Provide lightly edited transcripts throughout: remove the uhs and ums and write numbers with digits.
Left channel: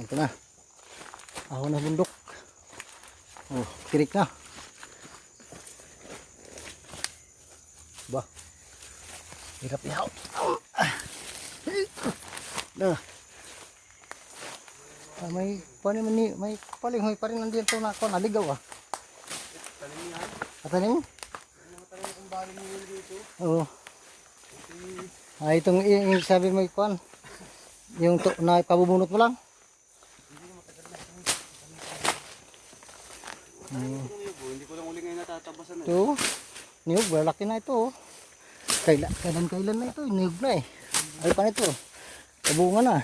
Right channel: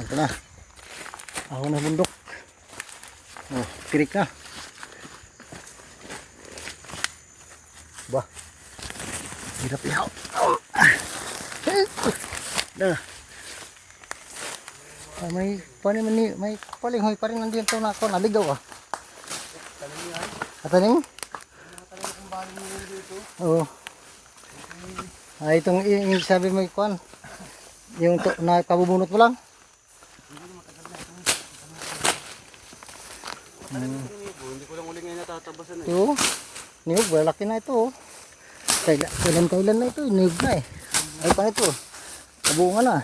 Ito na. Ahon na bundok. Oh, tirik na. Bah. Hirap yaw. Dah. May paning mani, may paling pa rin nandiyan to na ako naligaw ah. Ataning? Oo. Ah, itong sabi mo kuan. Yung to na pabubunot mo lang. Hindi ko lang uli ngayon natatabasan eh. Ito, niyog, malaki na ito. Kailan na ito, niyog na eh. Ay pa ito, kabunga na.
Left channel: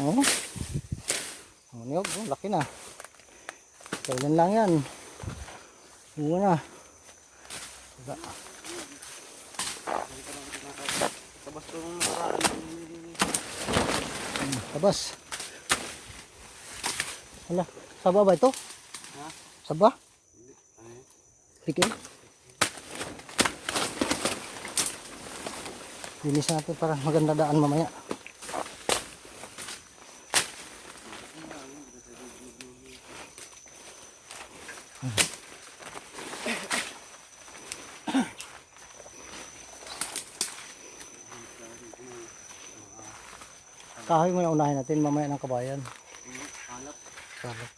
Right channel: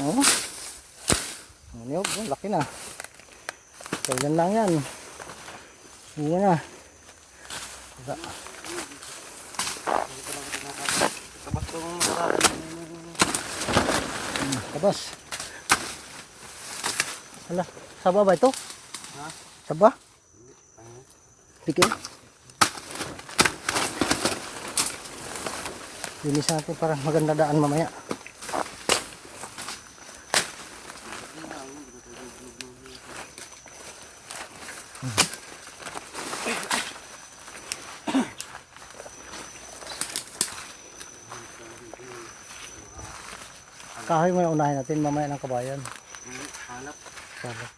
Oh. Niyog, laki na. Kailan lang yan. Bunga na. Tabas ko ng nakaraan. Tabas. Hala, saba ba ito? Ha? Saba? Sige. Linis natin para maganda daan mamaya. Kahoy muna unahin natin mamaya ng kabayan. Hanap. Hanap.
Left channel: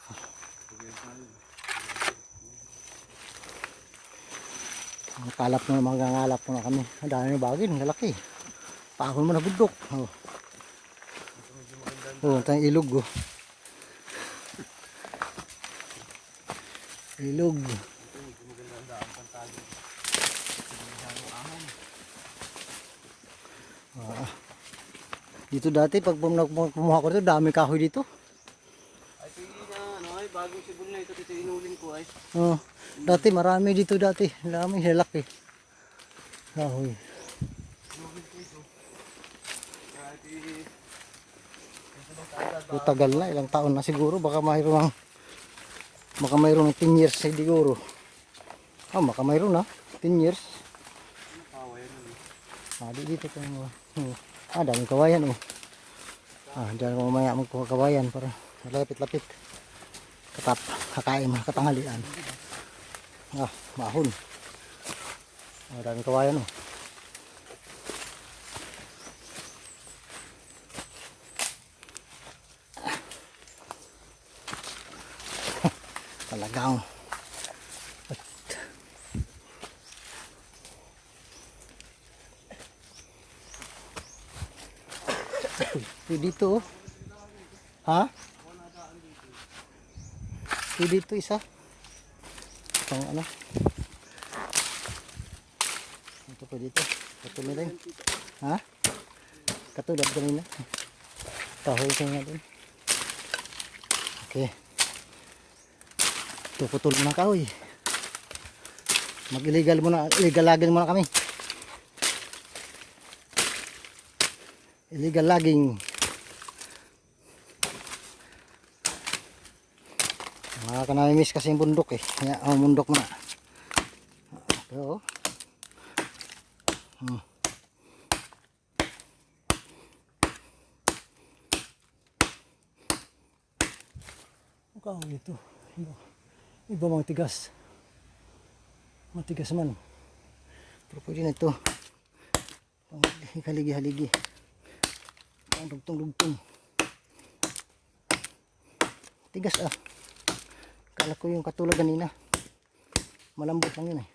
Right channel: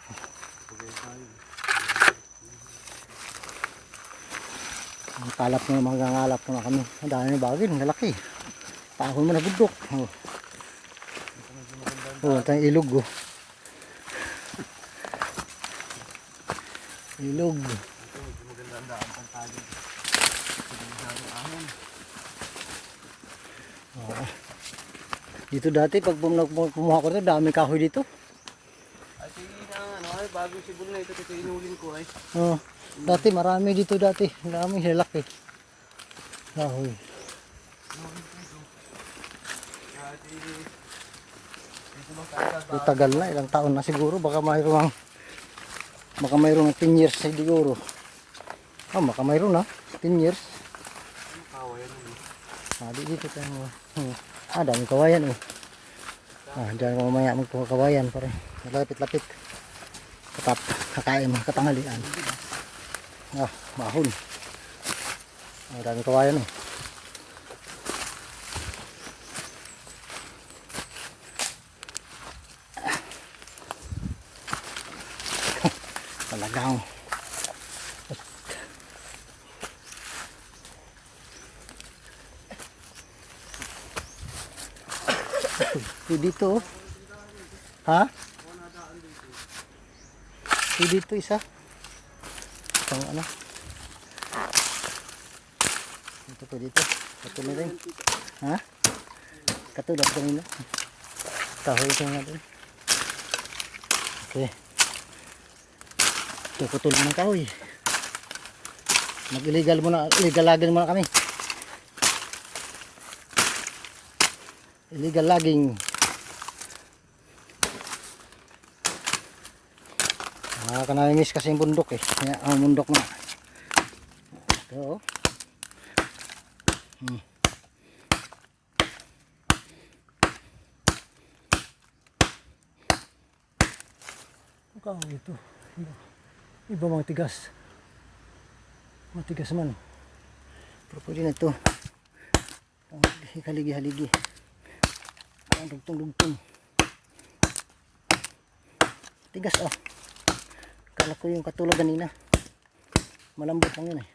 Ang kalap na mga ngalap na kami. Ang dami na bagin, lalaki. Paahon mo na bundok. Oh. Oh, ito yung ilog oh. Ilog. Oh. Dito dati pag pumuha ko dito, dami kahoy dito. Ay, sige na, ano ay, bagong sibol na ito, inulin ko ay. Oh. Dati marami dito dati. Marami lalaki. Kahoy. Tagal na, ilang taon na siguro. Baka mayroong 10 years siguro. Oh, baka mayroon na 10 years. Ah, dito tayo. Daming kawayan eh. Diyan ko mamaya magkuha kawayan para malapit-lapit. Kakain mga katanghalian. Mahon. Daming kawayan oh. Talagang dito oh. Ha? Dito isa. Pang ano? Ito po dito. Katulad din. Ha? Katulad kanina. Kahoy ito natin. Okay. Puputol mo ng kahoy. Mag-illegal logging muna kami. Illegal logging. Nakaka-miss kasi yung bundok eh. Ang bundok na. Ito. Kahoy ito. Iba mga tigas. Matigas man. Pero pwede na ito. Haligi-haligi. Dugtong-dugtong. Tigas ah. Kala ko yung katulad kanina. Malambot lang yun eh.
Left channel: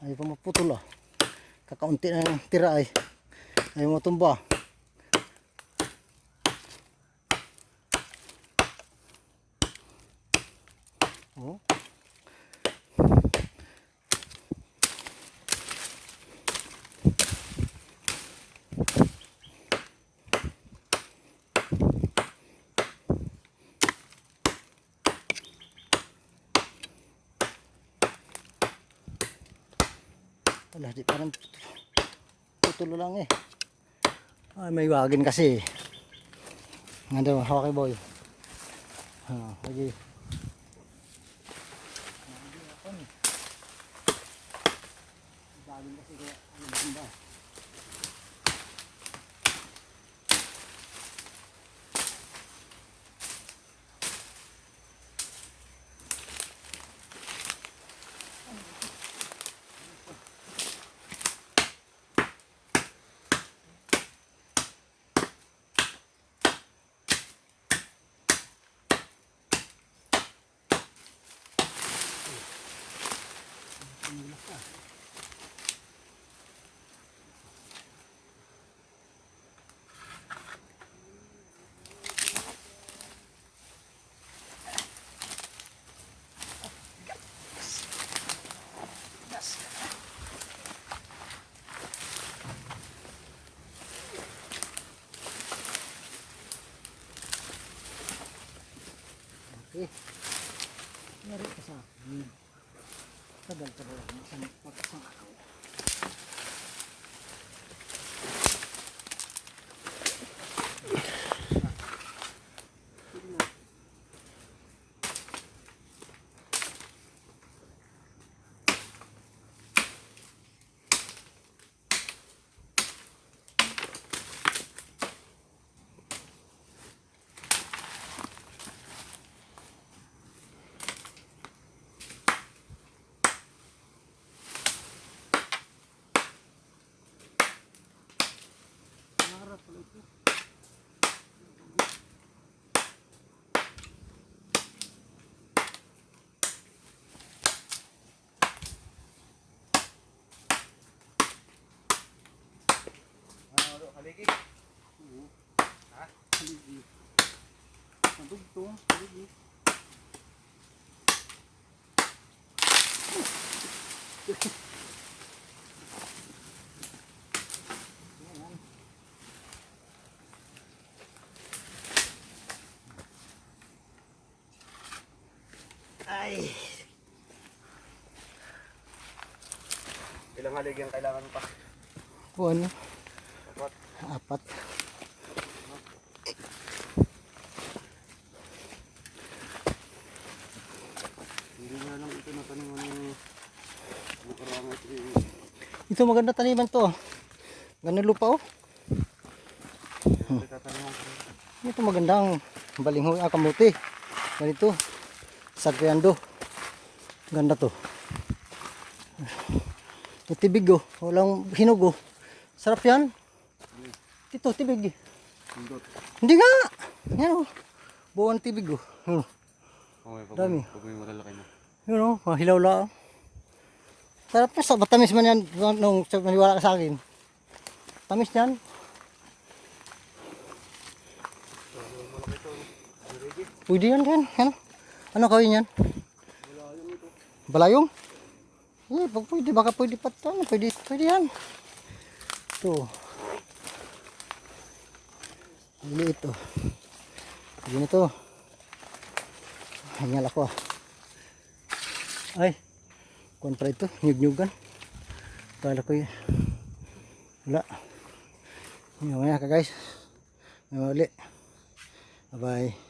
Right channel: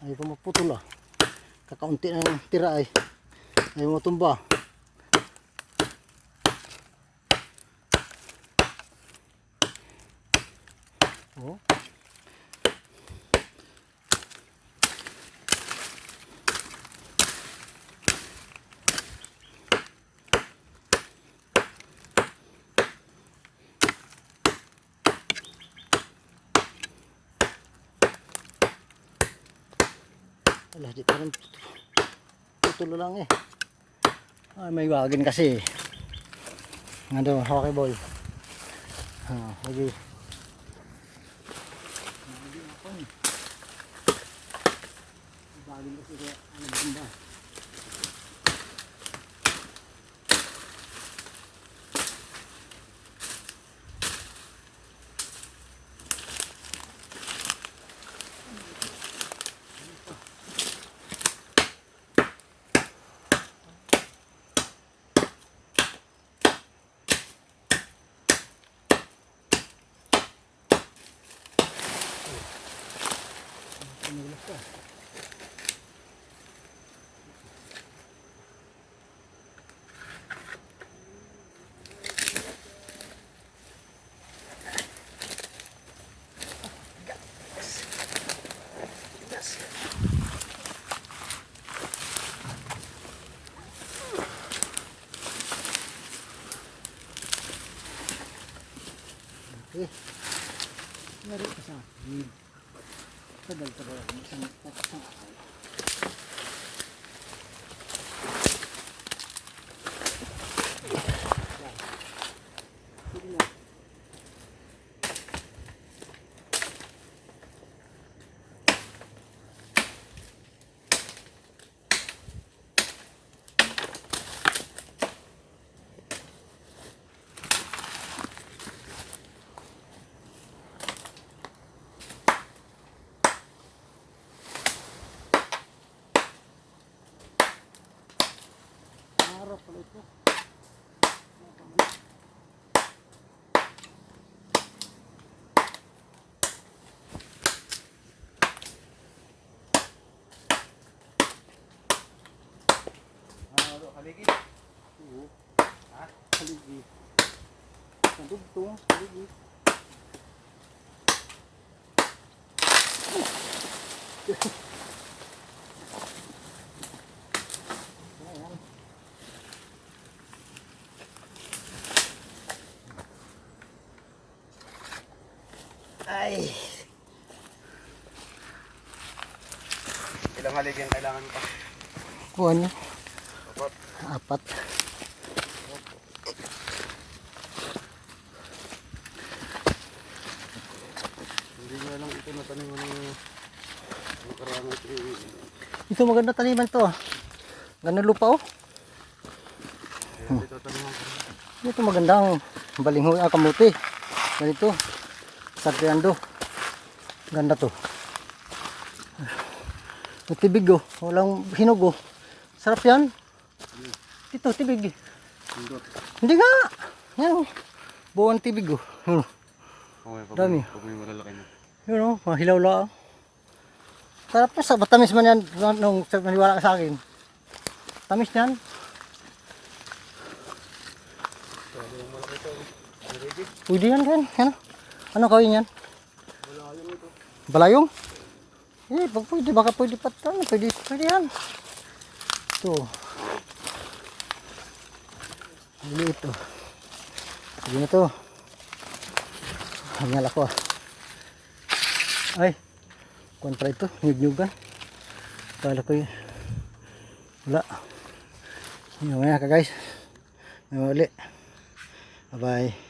Ayaw pa maputol ah. Kakaunti na yung tira ay. Ayaw matumba. Oh. Wala, di parang tutulo lang eh. Ay, may wagin kasi. Nandun, okay boy. Lagi. Wagin kasi kaya ano ba? Pinilas ka. Okay. Meron ka sa akin. Tagal ka rin. Isang araw. Harap pala ito. Haligi. Oo. Ha? Haligi. Nadugtong. Haligi. Ayan. Ay. Ilang haligi ang kailangan pa? Kuha niya. Apat. Apat. Hindi nga lang ito natanim ng karangan ito. Ito maganda taniman to. Ganda lupa oh. Hindi tataniman. Ito magandang balinghoy kamuti. Ganito. Sagriando. Ganda to. Tibig oh. Walang hinog oh. Sarap yan. Ito tibig. Hindi nga. Yan oh. Buwan tibig oh. Yun. Okay, Dami. pag may malalaki na. Yun oh. Hilaw lang. Sarap pa sa matamis man yan. Nung maniwala ka sa akin. Tamis yan. Malaki ito. Haligi. Pwede yan kan. Ano? Ano kawin yan? Balayong ito. Balayong? Eh, pag pwede, baka pwede pa ito. Pwede yan. Ito. Maliit ito. Pwede na ito. Hangal ako ah. Ay. Kontra ito. Nyug-nyugan. Kala ko yun. Wala. Ngayon ka guys. May uli. Bye bye.